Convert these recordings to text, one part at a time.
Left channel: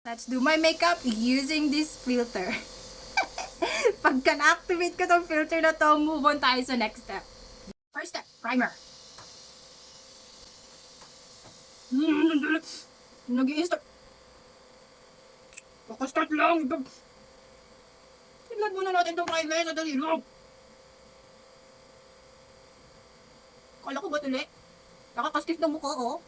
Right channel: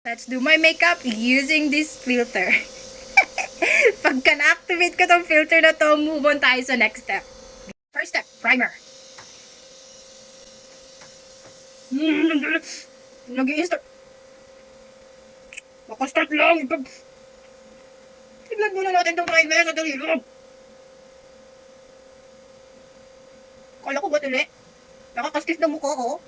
Let's do my makeup using this filter. Pagka na-activate ko tong filter na to, move on tayo sa next step. First step, primer. Nag-i-start. Baka-start lang. Tignan muna natin tong primer sa dalilog. Kala ko ba tuli? Nakakaskis ng mukha ko.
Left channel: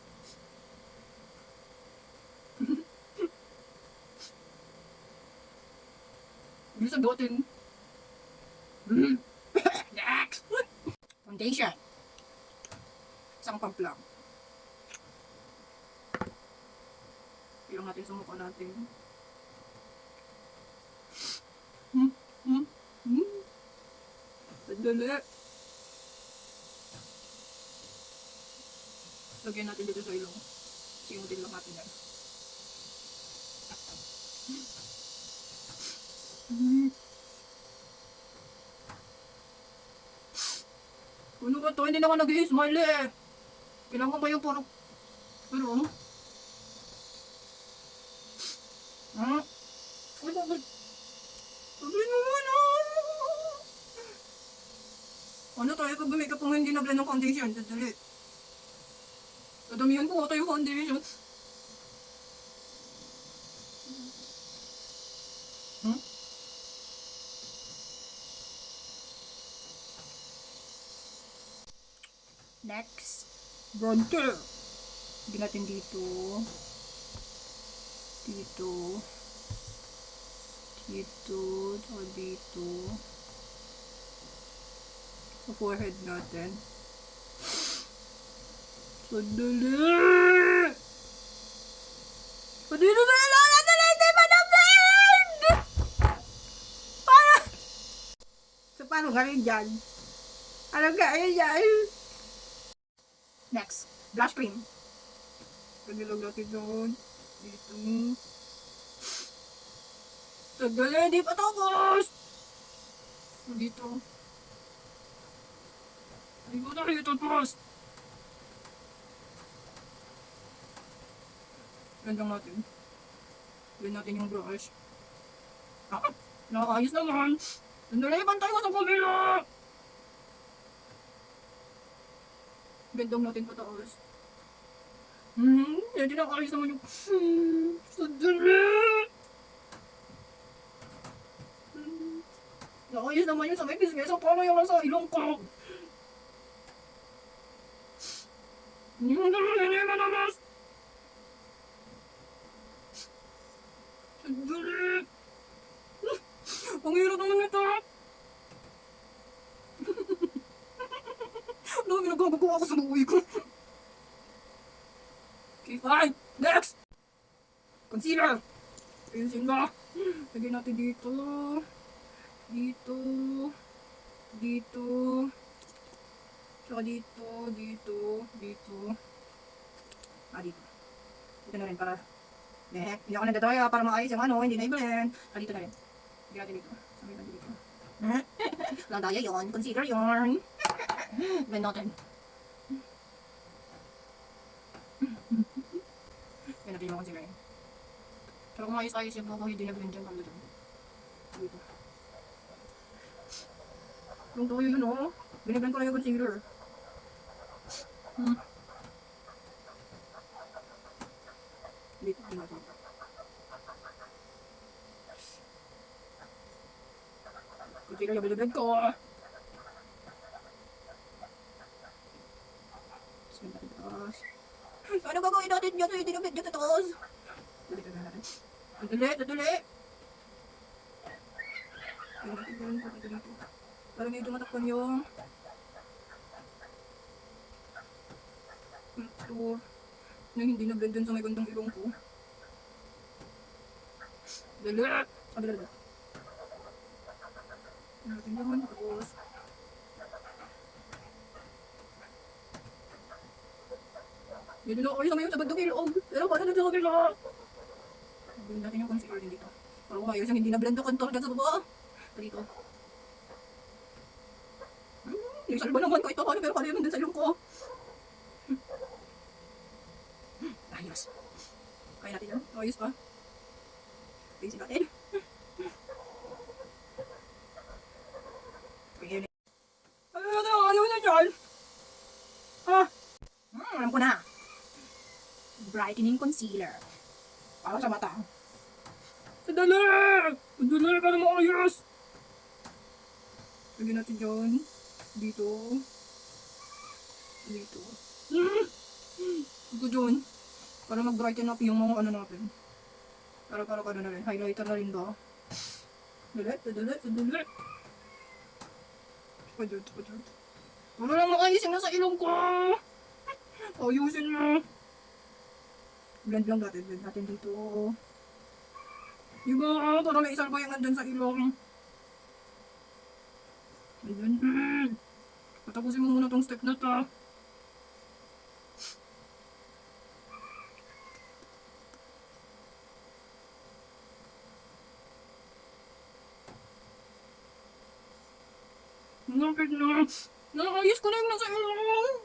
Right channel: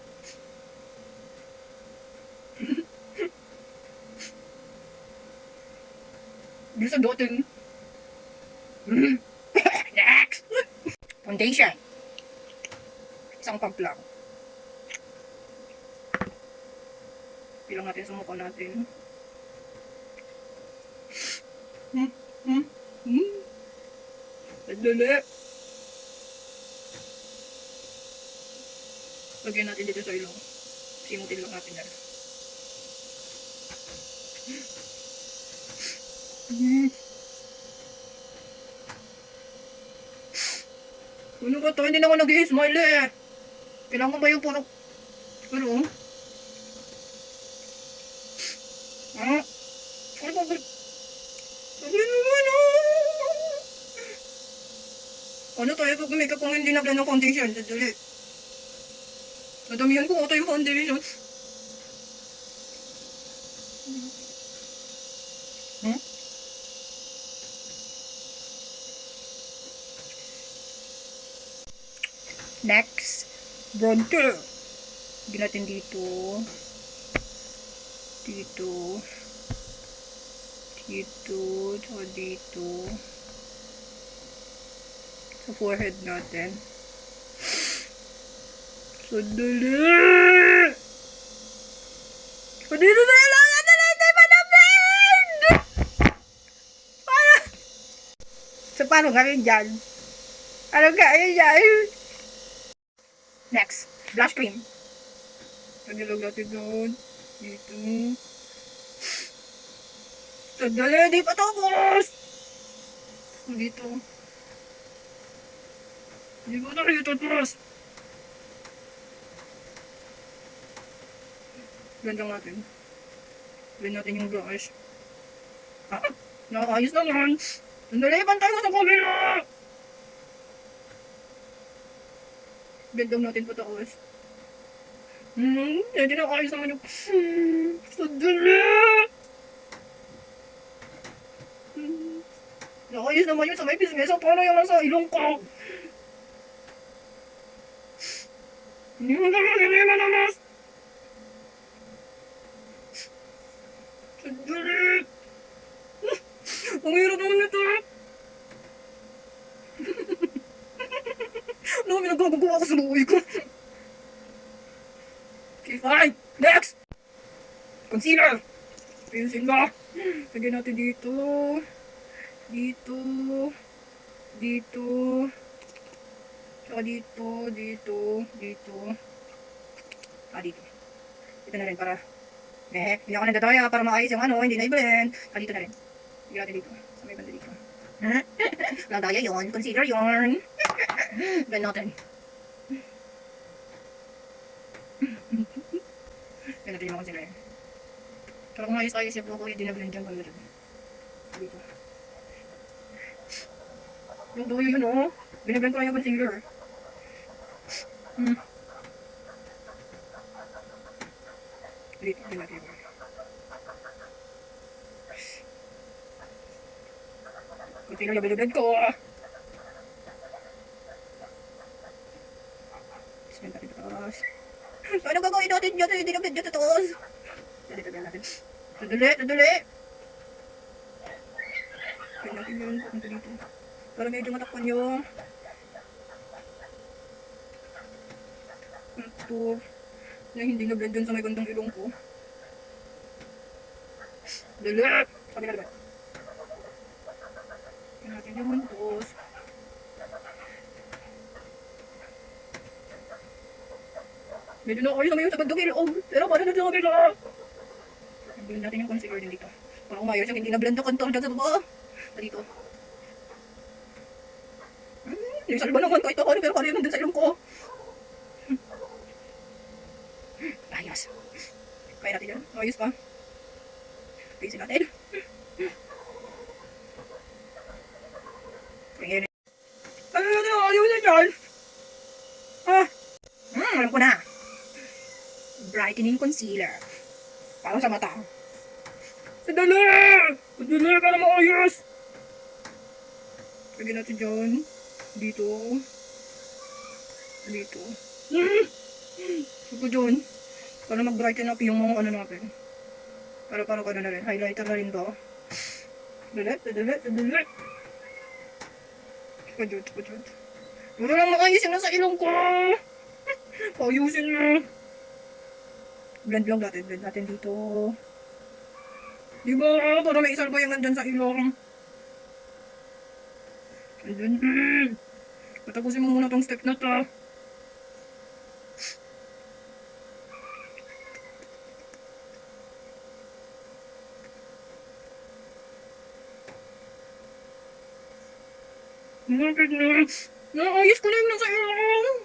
Bisa dating. Next! Foundation. Isang pump lang. Pilang natin sa mukha natin. Dali. Lagyan natin dito sa ilong. Simutin lang natin yan. Ano ba to? Hindi naman nag-i-smile eh. Kailangan ba yung puro... Ano? Ha? Ano ba? Sabi naman Ano tayo pag makeup kung hindi na-blend ng foundation? Dali. Nadamihan ko ata yung foundation. Next, bronzer. Lagyan natin dito. Dito. Tsaka dito. Sa forehead natin. Sandali! Dito na lang! Sandali! Hindi pa na-blend! So, paano gawin dyan? Ano gawin dyan? Next, blush cream. Tagilog natin doon. Dito. Sandali, di pa tapos! Dito. Di ba tayo tapos? Blend natin. Blend natin yung blush. Nakakaayos naman. Sandali, pantay mo sa kabila! Blend natin pataas. Hindi na kaayos naman yung... Sandali! Nakayos naman yun sa may bismesa. Paano yung nasa ilong ko? Hindi mo naman. Sandali! Ang hirap naman nito. Ano kami nagkagagawa ko sa buhay ko? Okay, fine. Next! Concealer! Ayusin ba? Lagyan natin dito. Dito. Dito. Tsaka dito. Dito. Dito. Dito. Dito na rin para... hindi ako nagdadaya para maayos yung ano, hindi na i-blend. Dito na rin. Lagyan natin dito. Sa may banda dito. Walang daya yun. Concealer yun. Blend natin. Blend natin yung concealer yun. Pero kung ayos-ayos yung buko, hindi na blend yung color. Dito. Yung doyo yun o. Binablend ko lang yung concealer. Dito natin yung concealer yung binablend ko. Blend natin ito taas. Ano gagawin natin dyan? Hindi na blend dyan taas. Dito blend natin. Sadali. Blend natin yun. Punta dito. Para medyo matakpan yung contour na hindi na-blend dun sa may bandang ilong ko. Dali! Pagkita ba? Blend natin yung mantos. Medyo na kayo sa may sa bandang ilong. Pero paano na sa kabila? Blend natin yung concealer din dito. Para umayos yung hindi na-blend na contour dyan sa baba. Dito. Yung salba naman kahit ako pero kanina nandun sa ilong ko. Ayos. Kaya natin yan. Ayos pa. Ayusin natin. Ayan. Ano natin ang ayusin dyan? Ah, alam ko na. Brightening concealer. Para sa mata. Madali! Madali para maayos! Lagyan natin dyan. Dito. Dito. Ito dyan. Para mag-brighten up yung mga ano natin. Para ano na rin. Highlighter na rin to. Dali. Pajud. Wala lang maayos yung nasa ilong ko. Ayusin mo. Blend natin dito. Diba? Para may isang bayang nandyan sa ilong. Ayan. Patapusin mo muna tong step na to. Malapit na. Naayos ko na yung nasa ilong.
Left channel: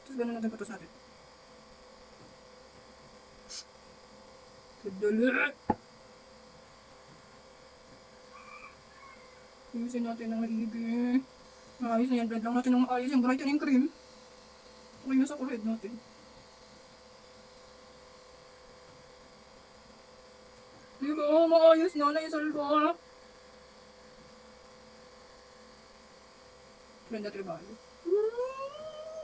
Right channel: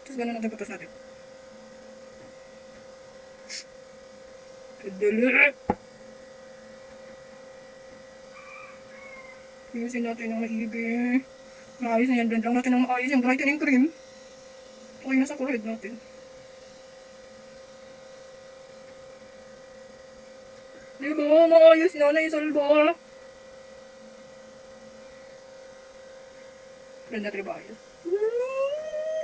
Tapos gano'n natin patas natin. Dali. Ayusin natin ng maigi. Maayos na yan. Blend lang natin ng maayos yung brightening cream. Okay na sa forehead natin. Diba? Maayos na. Naisalba. Blend natin ba ayos?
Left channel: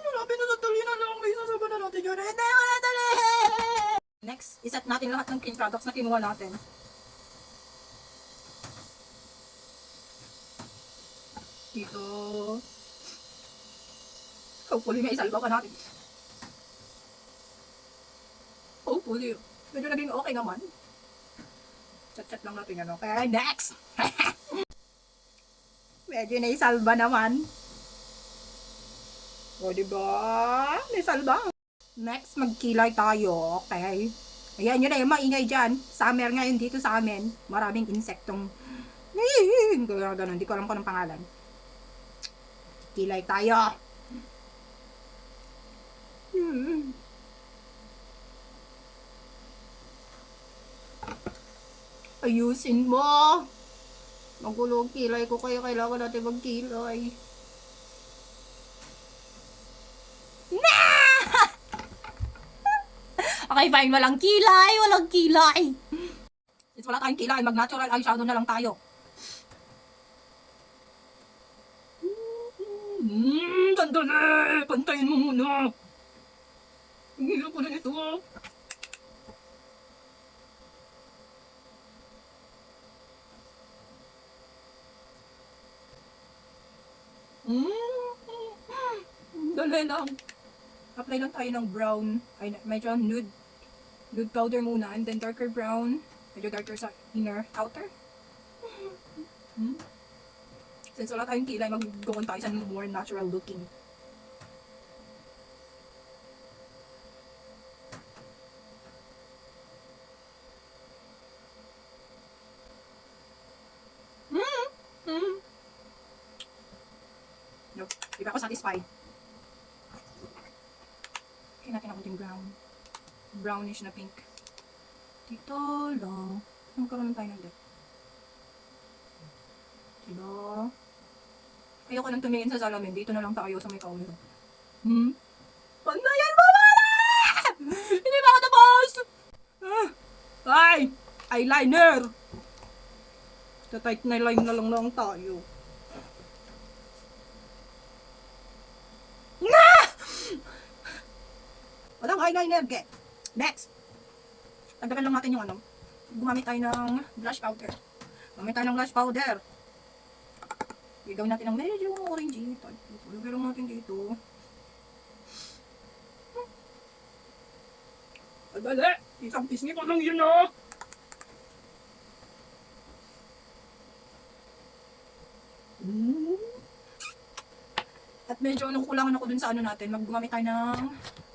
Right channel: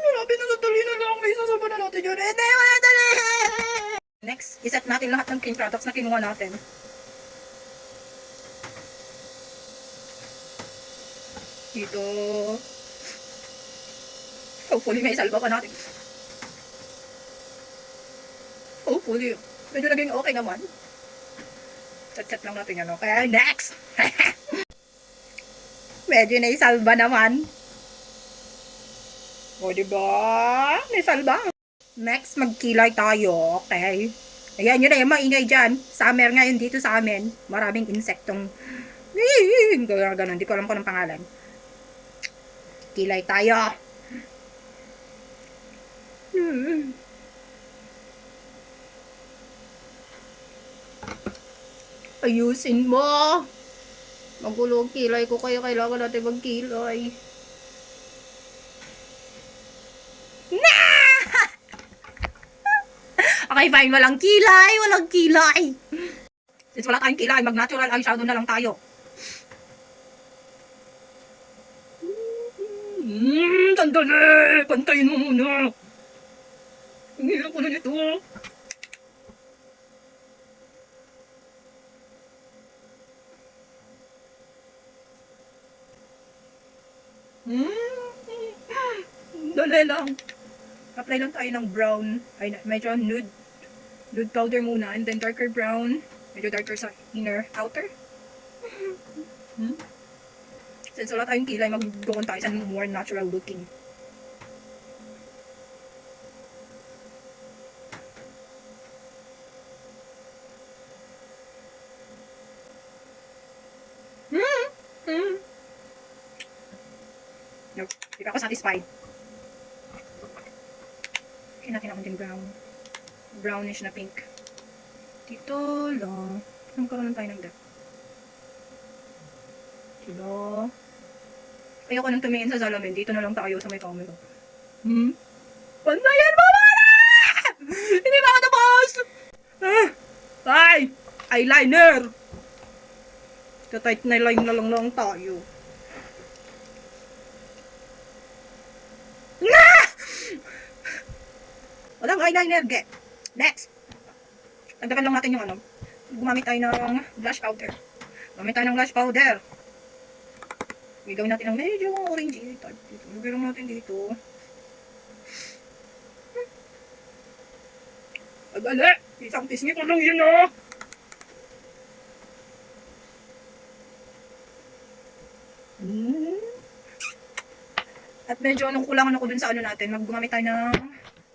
Malapit na sandali na lang. May sasama na natin yun. Ito yung dali! Next, iset natin lahat ng cream products na kinuha natin. Dito. Hopefully may salba pa natin. Hopefully. Medyo naging okay naman. Set lang natin yan. Okay, next! Medyo naisalba naman. O, diba? Naisalba. Next, magkilay tayo. Okay. Ayan, yun na yung maingay dyan. Summer ngayon dito sa amin. Maraming insektong gano'n. Hindi ko alam kung anong pangalan. Kilay tayo. Ayusin mo. Magulo ang kilay ko kaya kailangan natin magkilay. Okay, fine. Walang kilay. Since wala tayong kilay, mag-natural eyeshadow na lang tayo. Sandali! Pantayin mo muna. Ang hirap ko na nito. Dali lang. Apply lang tayo ng brown. Ay, medyo nude powder muna. And then darker brown. Medyo darker sa outer. Since wala tayong kilay, mag-go tayo sa more natural looking. Nope. Di ba ako satisfied? Kaya natin ako din brown. Brownish na pink. Dito lang. Magkaroon tayo ng depth. Diba? Ayoko nang tumingin sa salamin. Dito na lang tayo sa may camera. Pantayan mo muna! Hindi ba ako tapos? Ay! Eyeliner! Tight na line na lang tayo. Walang eyeliner, get. Next. Tagdagan lang natin yung ano. Gumamit tayo ng blush powder. Gagawin natin ng medyo orangey type dito. Lagyan lang natin dito. Agala! Isang pisngi ko lang yun, oh! At medyo anong kulangan ako dun sa ano natin. Gumamit tayo ng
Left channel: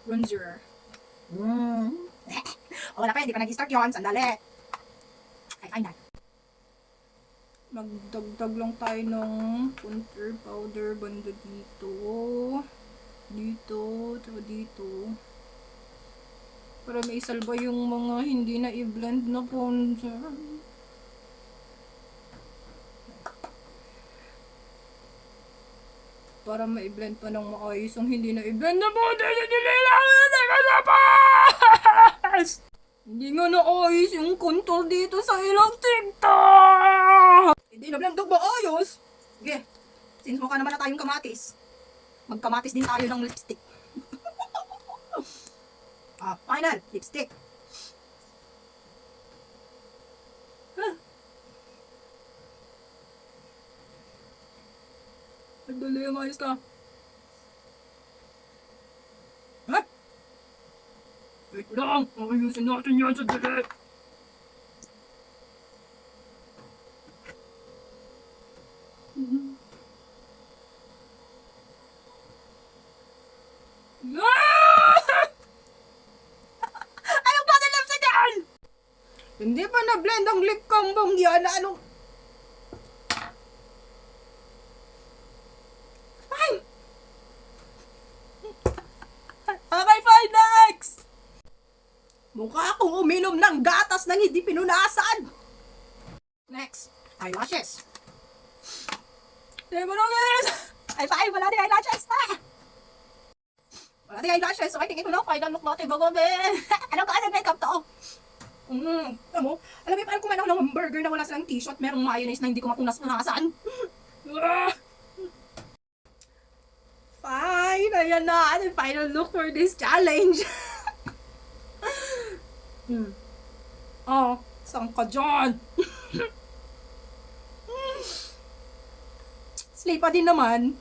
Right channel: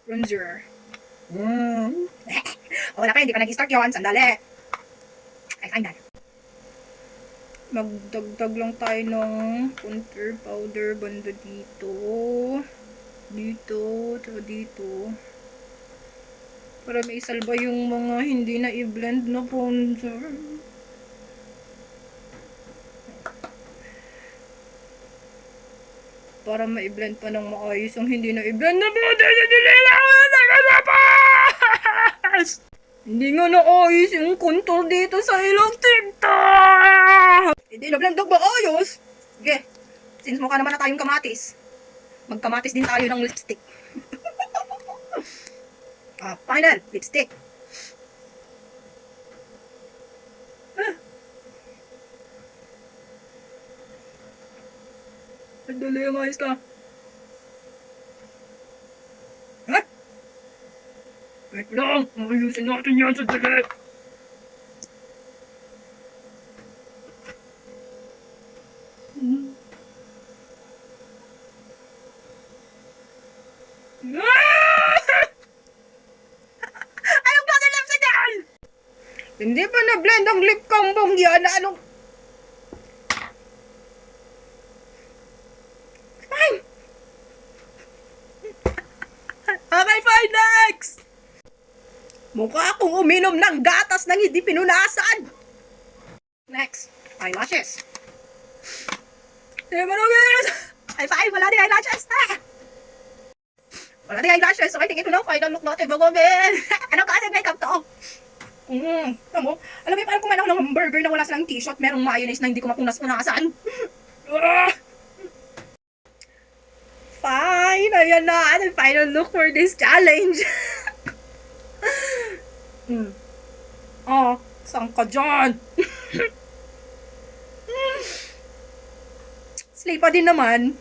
bronzer. Wala kayo, hindi pa nag-start yun. Sandali. Ay, final. Magdagdag lang tayo ng contour powder banda dito. Dito, tsaka dito. Para may salba yung mga hindi na i-blend na poncer. Para ma-blend pa ng maayos yung hindi na i-blend na poncer. Hindi nga naayos yung contour dito sa ilang TikTok. Hindi na blend na maayos. Sige, since mukha naman na tayong kamatis, magkamatis din tayo ng lipstick. Final lipstick. Dali, ayos ka. Ha? Wait lang, ayusin natin yan sa dali. Anong klase lipstick yan? Hindi pa na-blend ang lip combo yan. Anong... Fine! Okay, fine, next! Mukha akong uminom ng gatas nang hindi pinunasan. Next, eyelashes. Di ba guys? Ay, fine, wala din eyelashes. Wala din eyelashes. So, I think ito na, final look natin bago men. Anong klase makeup to? Alam mo, parang kumain ako ng burger na wala silang t-shirt, merong mayonnaise na hindi ko mapunas-punasan. Fine, ayan na. Ano yung final look for this challenge? Saan ka dyan? Slay pa din naman.